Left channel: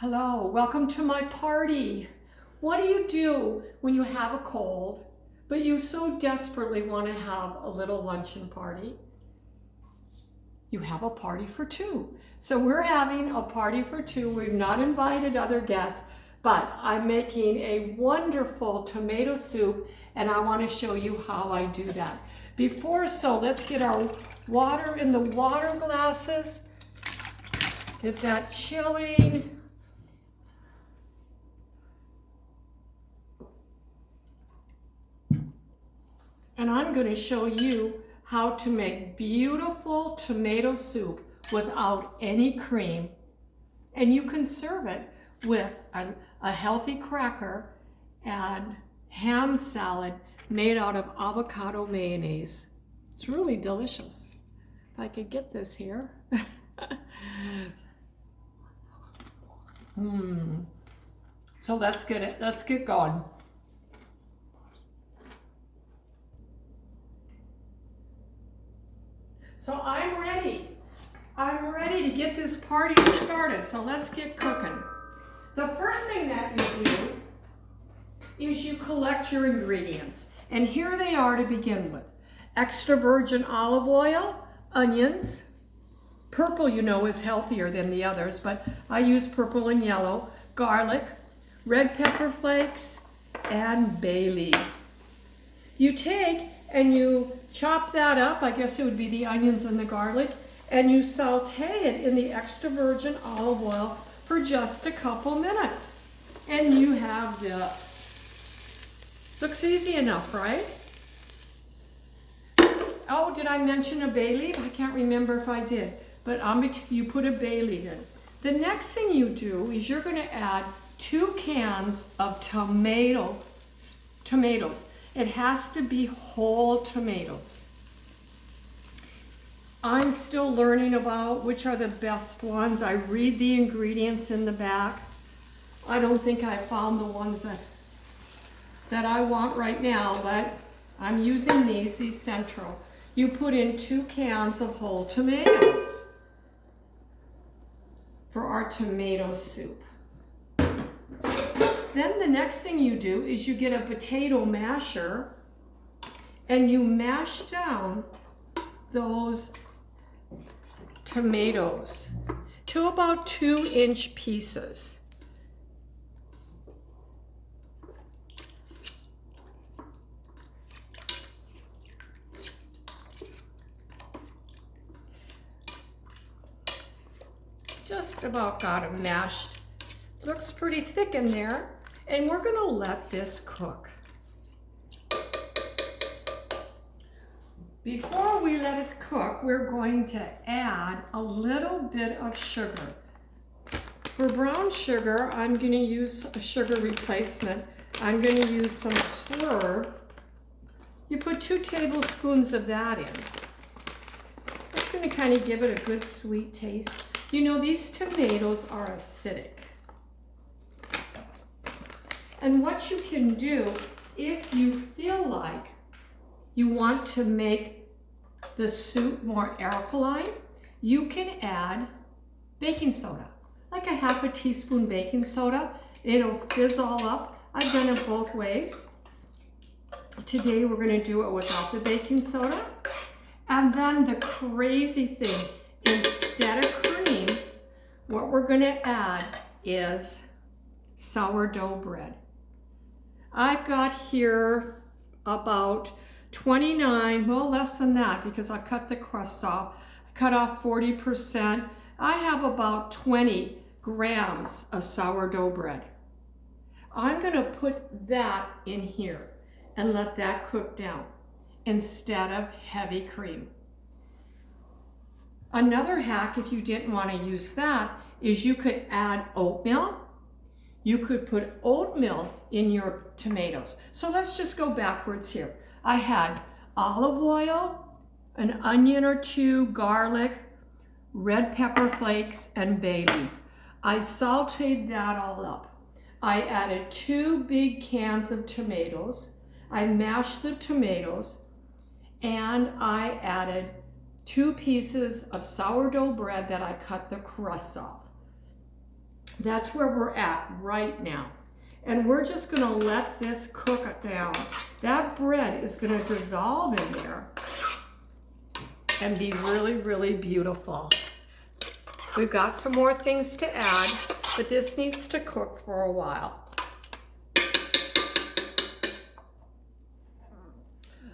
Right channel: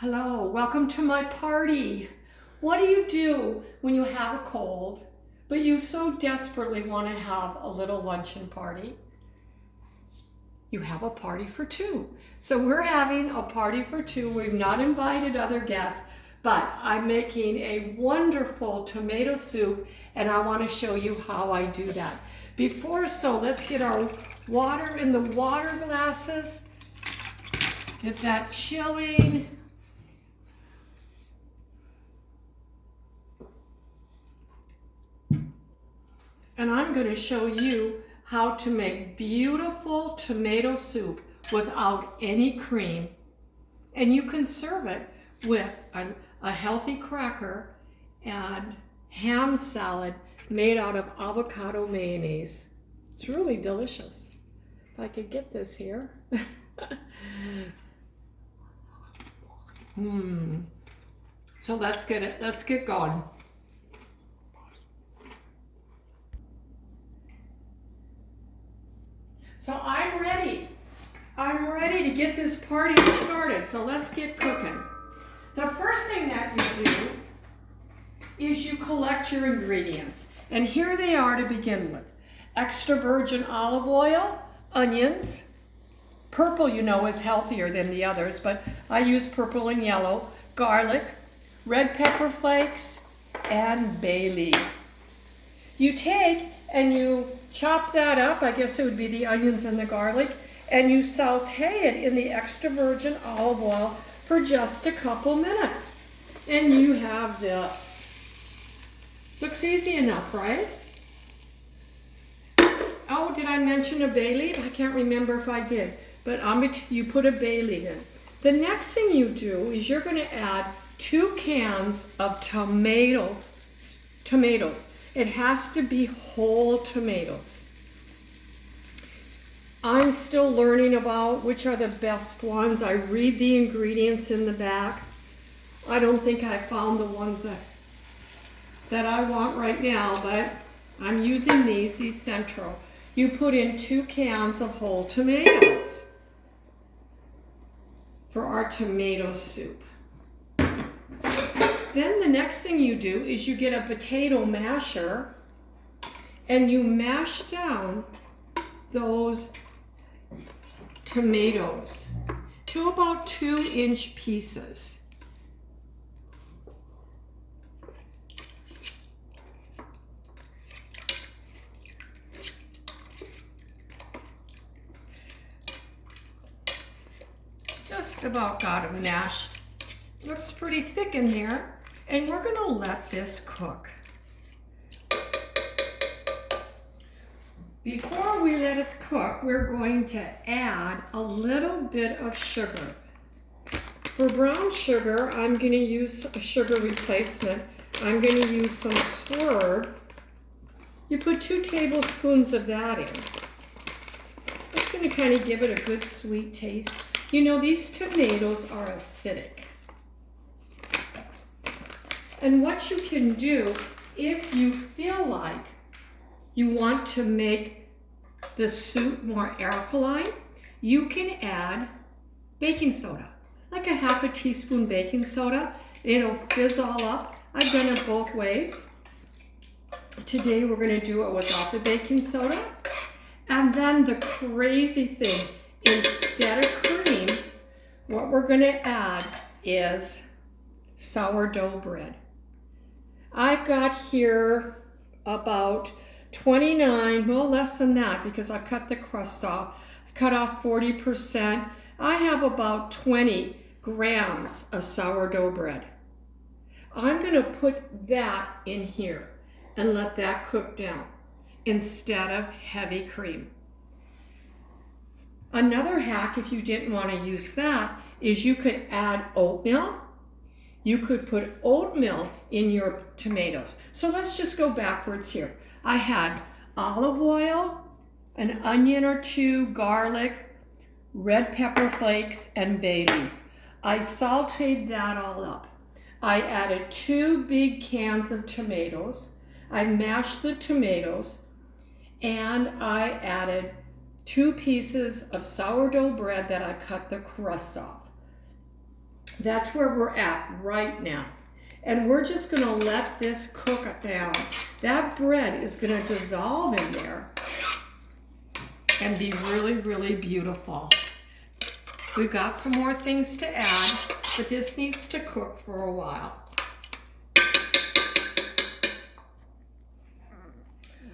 Hello, welcome to my party. What do you do when you have a cold, but you so desperately want to have a little luncheon party? You have a party for two. So we're having a party for two. We've not invited other guests, but I'm making a wonderful tomato soup and I want to show you how I do that. Let's get our water in the water glasses. Get that chilling. And I'm going to show you how to make beautiful tomato soup without any cream. And you can serve it with a healthy cracker and ham salad made out of avocado mayonnaise. It's really delicious. If I could get this here. So let's get going. So I'm ready. I'm ready to get this party started. So let's get cooking. The first thing that you do is you collect your ingredients. And here they are to begin with. Extra virgin olive oil, onions. Purple, you know, is healthier than the others, but I use purple and yellow. Garlic, red pepper flakes, and bay leaf. You take and you chop that up, I guess it would be the onions and the garlic, and you saute it in the extra virgin olive oil for just a couple minutes. And you have this. Looks easy enough, right? Oh, did I mention a bay leaf? I can't remember if I did, but you put a bay leaf in. The next thing you do is you're going to add 2 cans of tomatoes. It has to be whole tomatoes. I'm still learning about which are the best ones. I read the ingredients in the back. I don't think I found the ones that I want right now, but I'm using these Central. You put in 2 cans of whole tomatoes for our tomato soup. Then the next thing you do is you get a potato masher and you mash down those tomatoes to about 2-inch pieces. Just about got them mashed. Looks pretty thick in there. And we're going to let this cook. Before we let it cook, we're going to add a little bit of sugar. For brown sugar, I'm going to use a sugar replacement. I'm going to use some Puree. You put 2 tablespoons of that in. It's going to kind of give it a good sweet taste. You know, these tomatoes are acidic. And what you can do, if you feel like you want to make the soup more alkaline, you can add baking soda, like a half a teaspoon baking soda. It'll fizz all up. I've done it both ways. Today we're going to do it without the baking soda. And then the crazy thing, instead of cream, what we're going to add is sourdough bread. I've got here about 29, well less than that because I cut the crust off. I cut off 40%. I have about 20 grams of sourdough bread. I'm going to put that in here and let that cook down instead of heavy cream. Another hack, if you didn't want to use that, is you could add oatmeal. You could put oatmeal in your tomatoes. So let's just go backwards here. I had olive oil, an onion or 2, garlic, red pepper flakes, and bay leaf. I sauteed that all up. I added 2 big cans of tomatoes. I mashed the tomatoes, and I added 2 pieces of sourdough bread that I cut the crust off. That's where we're at right now. And we're just gonna let this cook down. That bread is gonna dissolve in there and be really, really beautiful. We've got some more things to add, but this needs to cook for a while.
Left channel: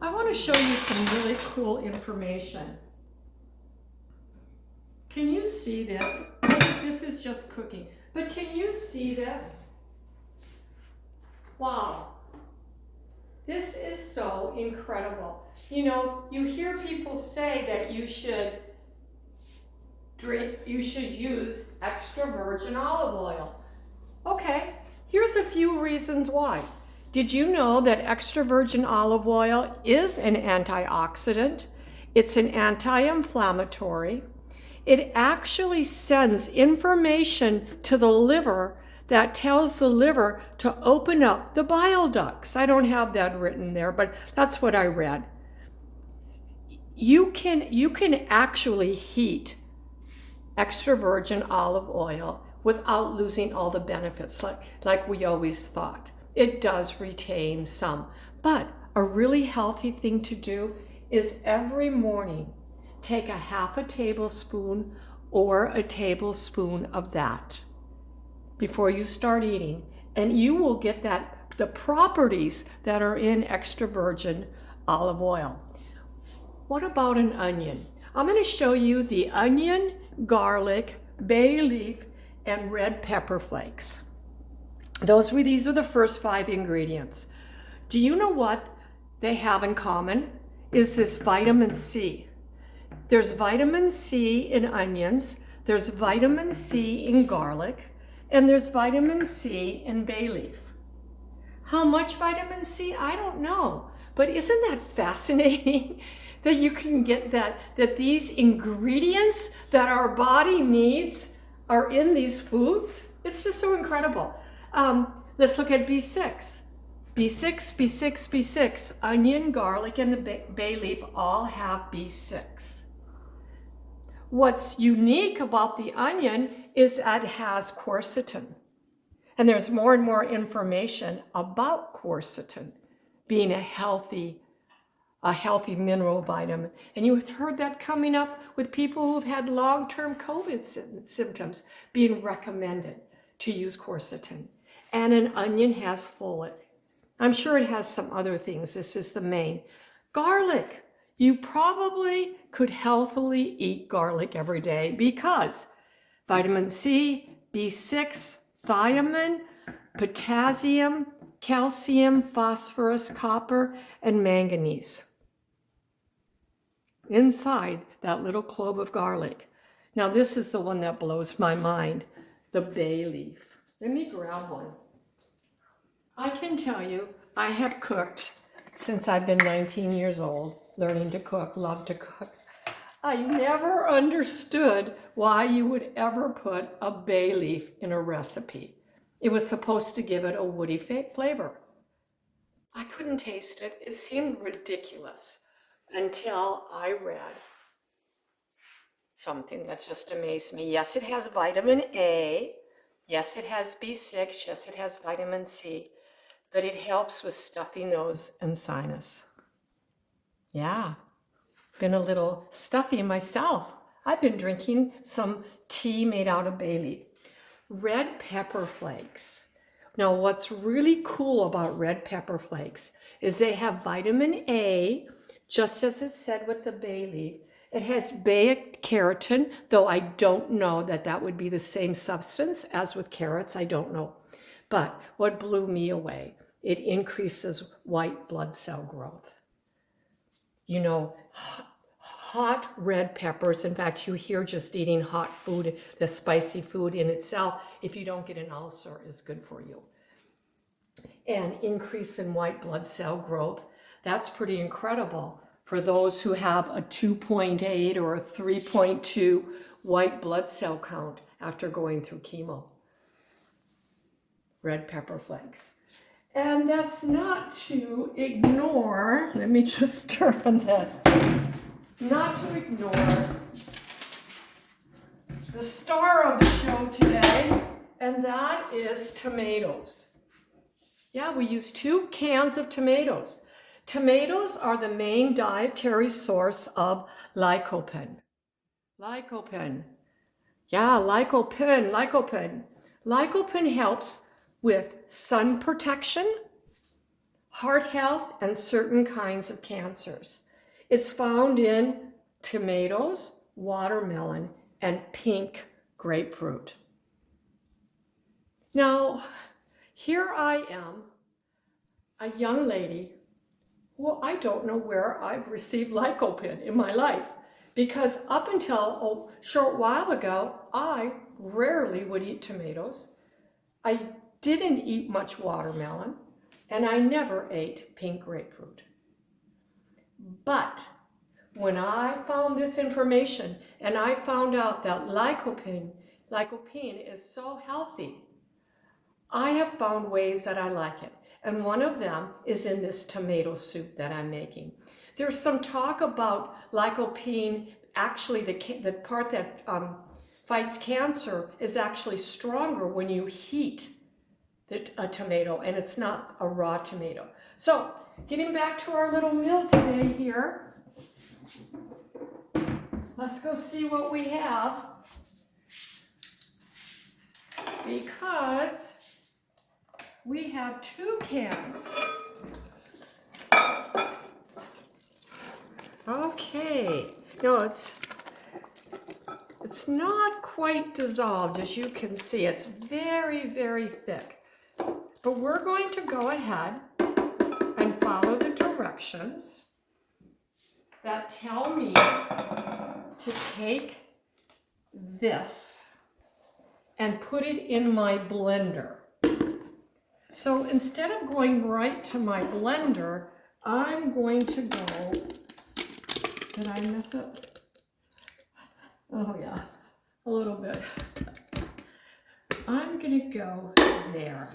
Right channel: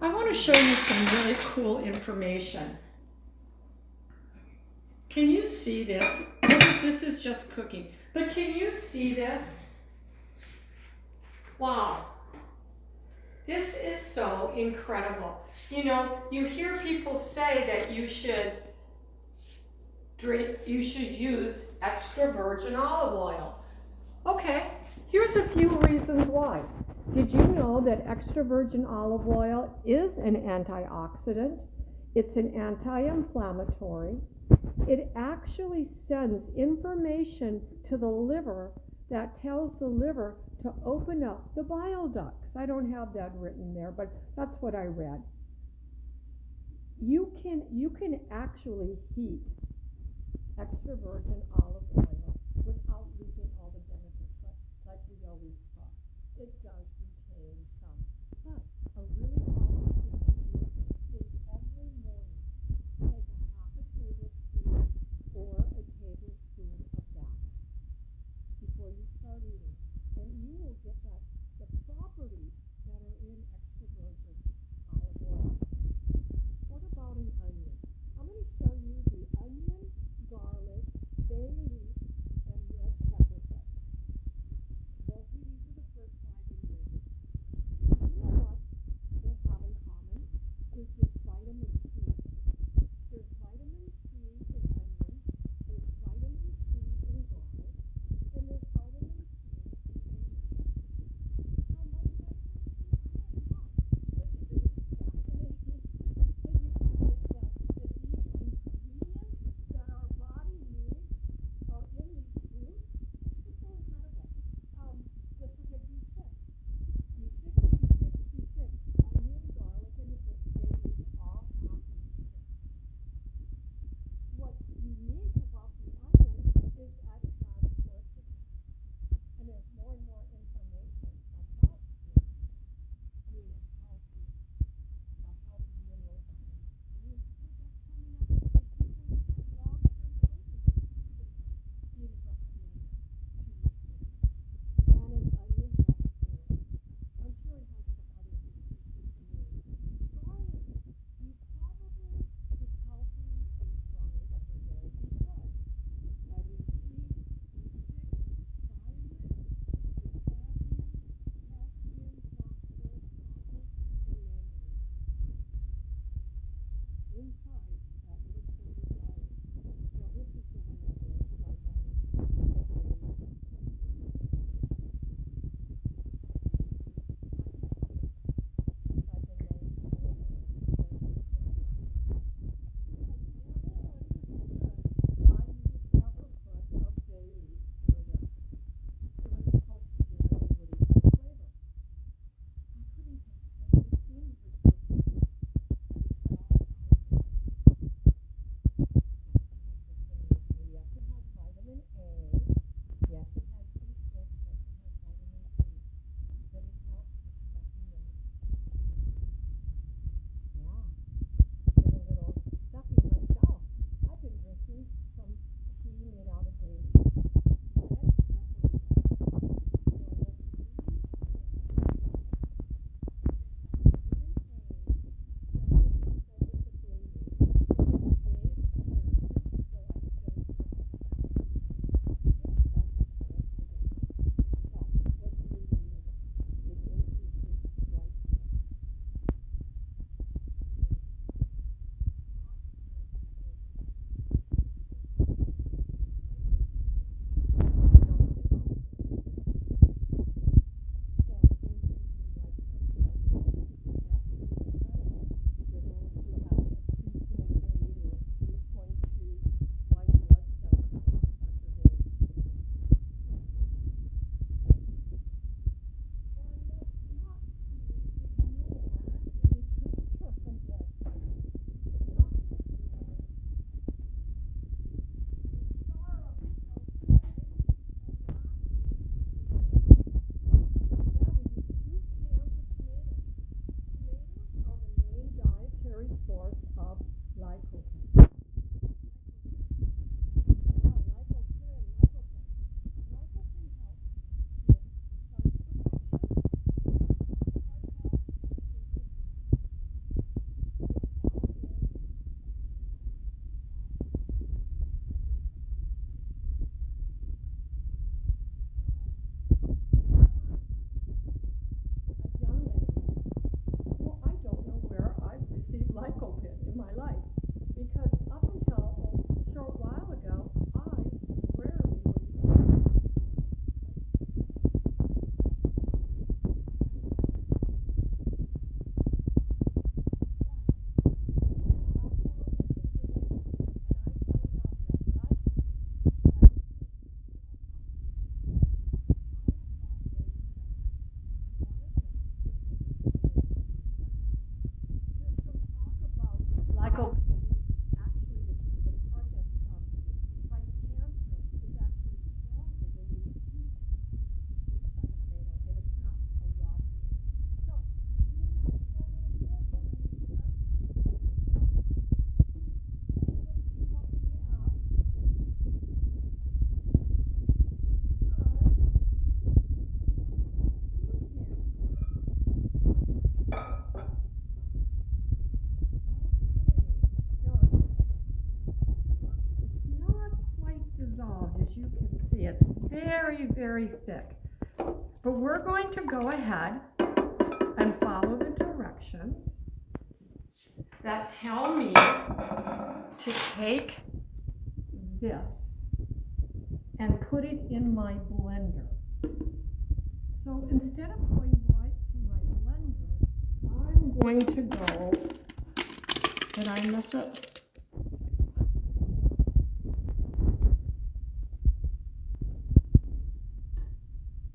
I want to show you some really cool information. Can you see this? This is just cooking, but can you see this? Wow. This is so incredible. You know, you hear people say that you should use extra virgin olive oil. Okay, here's a few reasons why. Did you know that extra virgin olive oil is an antioxidant? It's an anti-inflammatory. It actually sends information to the liver that tells the liver to open up the bile ducts. I don't have that written there, but that's what I read. You can actually heat extra virgin olive oil without losing all the benefits like we always thought. It does retain some, but a really healthy thing to do is every morning take a half a tablespoon or a tablespoon of that before you start eating, and you will get the properties that are in extra virgin olive oil. What about an onion? I'm going to show you the onion, garlic, bay leaf, and red pepper flakes. These are the first 5 ingredients. Do you know what they have in common? Is this vitamin C. There's vitamin C in onions, there's vitamin C in garlic, and there's vitamin C in bay leaf. How much vitamin C? I don't know. But isn't that fascinating that you can get that these ingredients that our body needs are in these foods? It's just so incredible. Let's look at B6. B6, B6, B6. Onion, garlic, and the bay leaf all have B6. What's unique about the onion is that it has quercetin. And there's more and more information about quercetin being a healthy mineral vitamin. And you've heard that coming up with people who've had long-term COVID symptoms being recommended to use quercetin. And an onion has folate. I'm sure it has some other things. This is the main. Garlic. You probably could healthily eat garlic every day because vitamin C, B6, thiamine, potassium, calcium, phosphorus, copper, and manganese inside that little clove of garlic. Now this is the one that blows my mind, the bay leaf. Let me grab one. I can tell you, I have cooked since I've been 19 years old, learning to cook, love to cook. I never understood why you would ever put a bay leaf in a recipe. It was supposed to give it a woody flavor. I couldn't taste it. It seemed ridiculous until I read something that just amazed me. Yes, it has vitamin A. Yes, it has B6. Yes, it has vitamin C. But it helps with stuffy nose and sinus. Yeah, been a little stuffy myself. I've been drinking some tea made out of bay leaf. Red pepper flakes. Now, what's really cool about red pepper flakes is they have vitamin A, just as it said with the bay leaf. It has beta-carotene, though I don't know that would be the same substance as with carrots. I don't know. But what blew me away, it increases white blood cell growth. You know, hot red peppers, in fact, you hear just eating hot food, the spicy food in itself, if you don't get an ulcer, is good for you. And increase in white blood cell growth, that's pretty incredible for those who have a 2.8 or a 3.2 white blood cell count after going through chemo. Red pepper flakes. And that's not to ignore, let me just turn this, not to ignore the star of the show today, and that is tomatoes. Yeah, we use 2 cans of tomatoes. Tomatoes are the main dietary source of lycopene. Lycopene. Yeah, lycopene. Lycopene helps with sun protection, heart health, and certain kinds of cancers. It's found in tomatoes, watermelon, and pink grapefruit. Now, here I am, a young lady. Well, I don't know where I've received lycopene in my life, because up until a short while ago, I rarely would eat tomatoes. I didn't eat much watermelon, and I never ate pink grapefruit. But when I found this information and I found out that lycopene is so healthy, I have found ways that I like it. And one of them is in this tomato soup that I'm making. There's some talk about lycopene, actually the part that fights cancer is actually stronger when you heat a tomato, and it's not a raw tomato. So, getting back to our little meal today here, let's go see what we have, because we have 2 cans. Okay, no, it's not quite dissolved, as you can see. It's very, very thick. But we're going to go ahead and follow the directions that tell me to take this and put it in my blender. So instead of going right to my blender, I'm going to go, did I miss it? Oh yeah, a little bit. I'm gonna go there.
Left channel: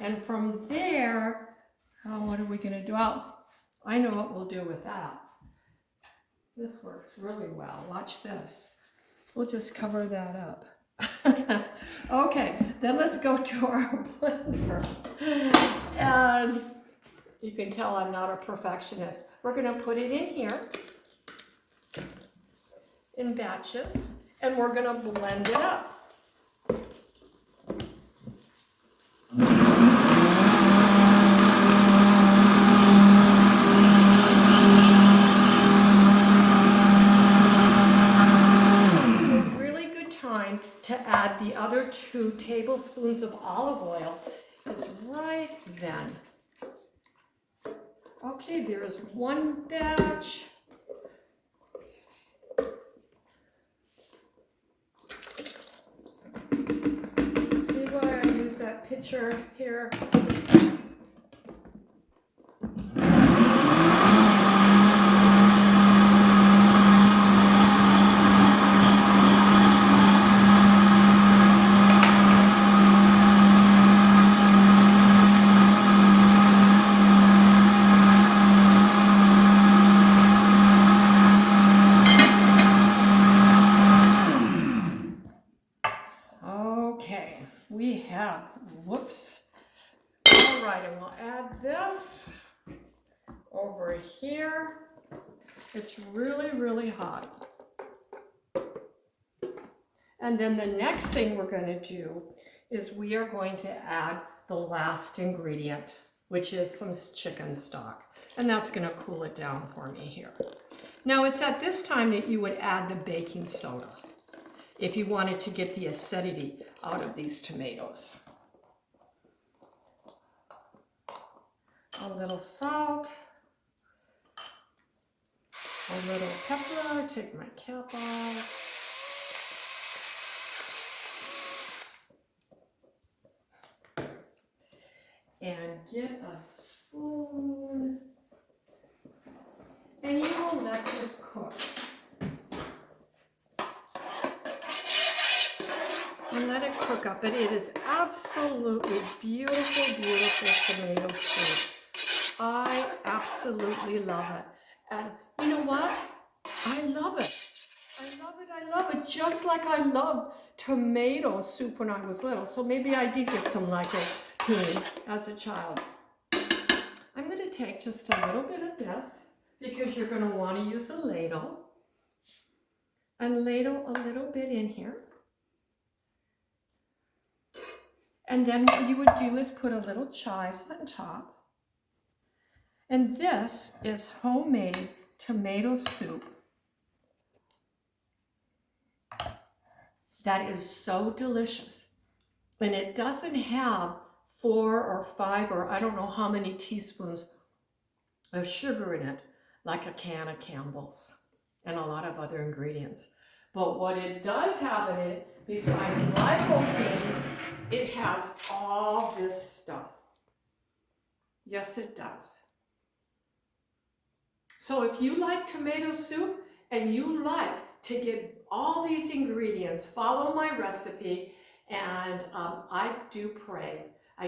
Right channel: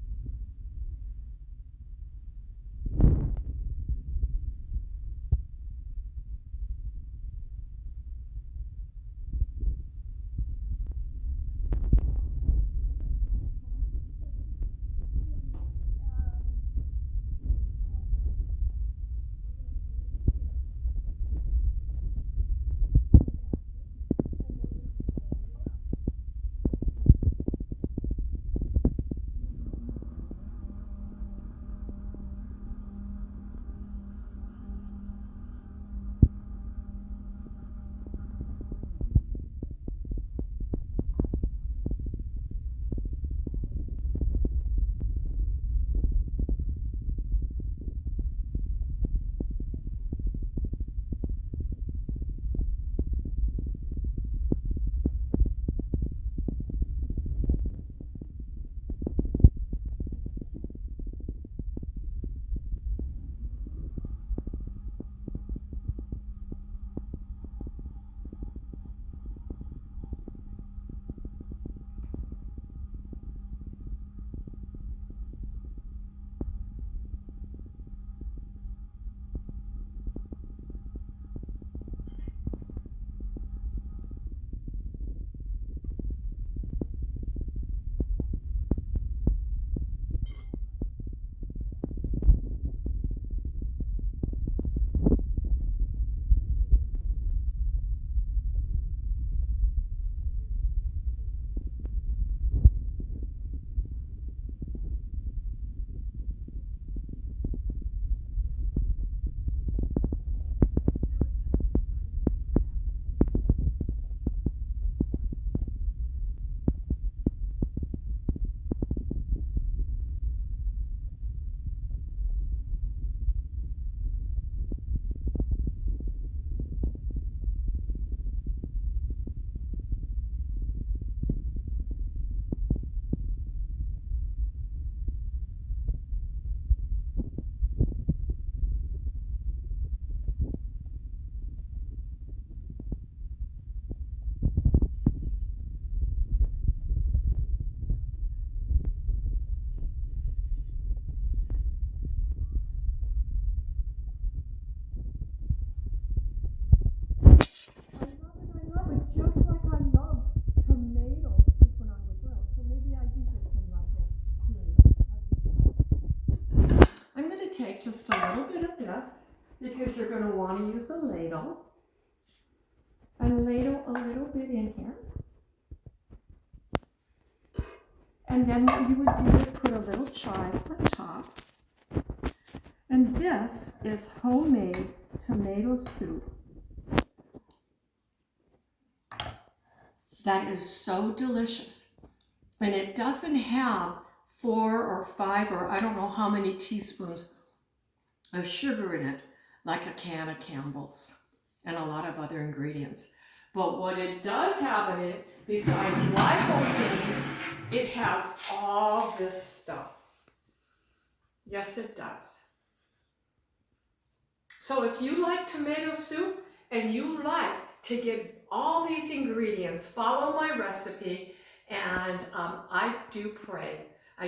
And from there, what are we gonna do? Oh, I know what we'll do with that. This works really well. Watch this. We'll just cover that up. Okay, then let's go to our blender. And you can tell I'm not a perfectionist. We're gonna put it in here in batches, and we're gonna blend it up. To add the other 2 tablespoons of olive oil is right then. Okay, there's 1 batch. See why I use that pitcher here? Really hot. And then the next thing we're going to do is we are going to add the last ingredient, which is some chicken stock. And that's going to cool it down for me here. Now it's at this time that you would add the baking soda if you wanted to get the acidity out of these tomatoes. A little salt. A little pepper, take my cap off. And get a spoon. And you will let this cook. And let it cook up. And it is absolutely beautiful, beautiful tomato soup. I absolutely love it. And you know what? I love it. I love it. I love it. Just like I love tomato soup when when I was little, so maybe I did get some lycopene as a child. I'm going to take just a little bit of this because you're going to want to use a ladle. And ladle a little bit in here. And then what you would do is put a little chives on top. And this is homemade tomato soup. That is so delicious. And it doesn't have 4 or 5 or I don't know how many teaspoons of sugar in it, like a can of Campbell's and a lot of other ingredients. But what it does have in it, besides lycopene, it has all this stuff. Yes, it does. So if you like tomato soup and you like to get all these ingredients, follow my recipe, and I do pray